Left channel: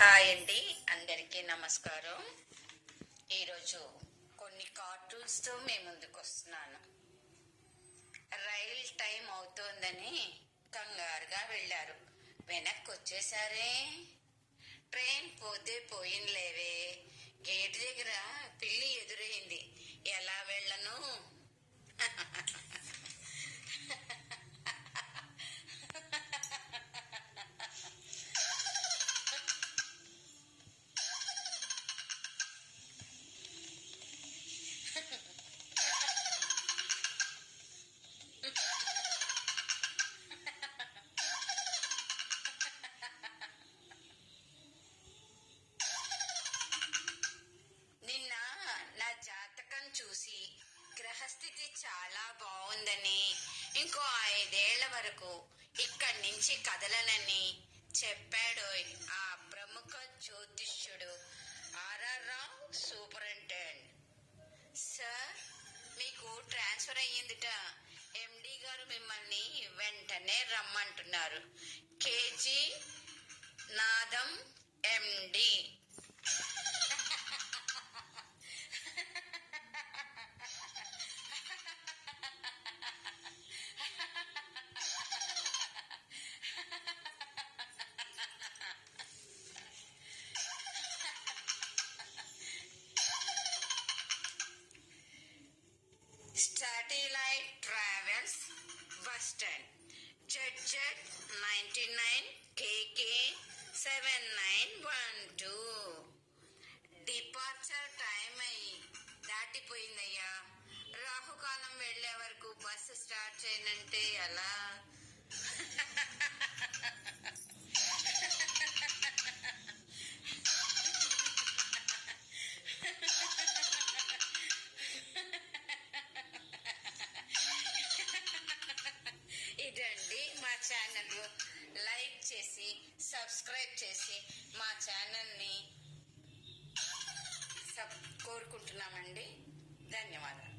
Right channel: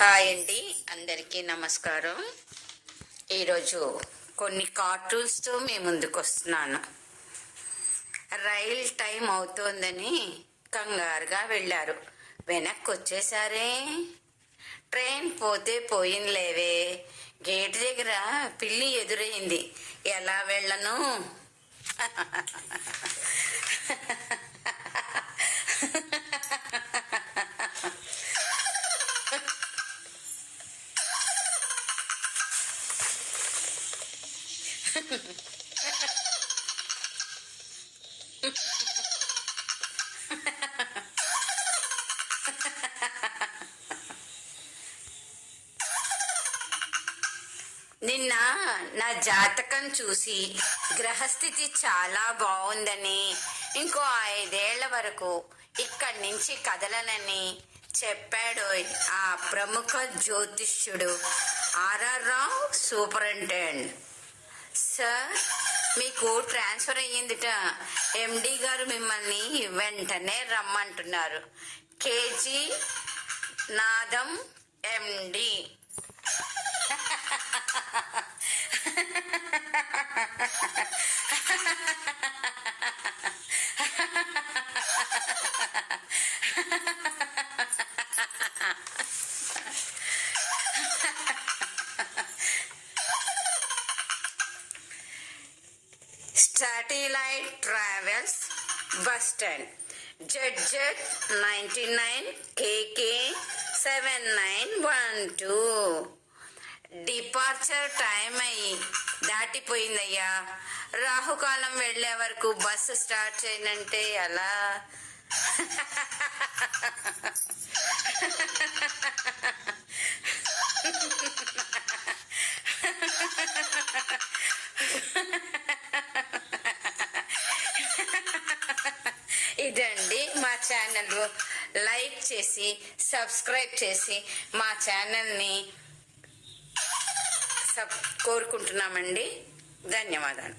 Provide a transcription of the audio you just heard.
Hi అండి, అందరికీ నమస్కారం. ఈరోజు కొన్ని కార్టూన్స్తో మీ ముందుకు వస్తున్నాను. రైల్ టైం అవుతోందని కంగారుగా వెళ్ళారు. వెనక్కి వచ్చేసారే. ట్రైన్ పోతే పోయిందిలేవే. గేట్ దగ్గర పిల్లి ఎదురైంది. ఎలా వెళ్ళను? నిన్న నా జాతకం చూసి గ్రహస్థితి చాలా బాగుందని, ఇంకో 5 ఏళ్ల వరకు ఇక్కడి నుంచి కదలనని చెప్పాడు ఆ ప్రముఖ జ్యోతిష్యుడు ఆర్ఆర్ రావు, సూపరింటెండెంట్. సార్, మీకు ట్రాన్స్ఫర్ అయ్యిందిట. ఎండి గారు మిమ్మల్ని వెంటనే రమ్మంటున్నారు. కేజీ నాదం, ఎండి. Satellite Travels, bus stand, ZZ99 KK 7912. Departure time అయ్యి దాటిపోయిందయ్యా. రాహుకాలం వెళ్లే వరకు బస్సు స్టార్ట్ చేయనంటే ఎలా? ఇదండి మా ఛానల్. లైక్ చేసి సబ్స్క్రైబ్ చేసి మా ఛానల్ని కోరుకుంటున్నామండి. ధన్యవాదాలు.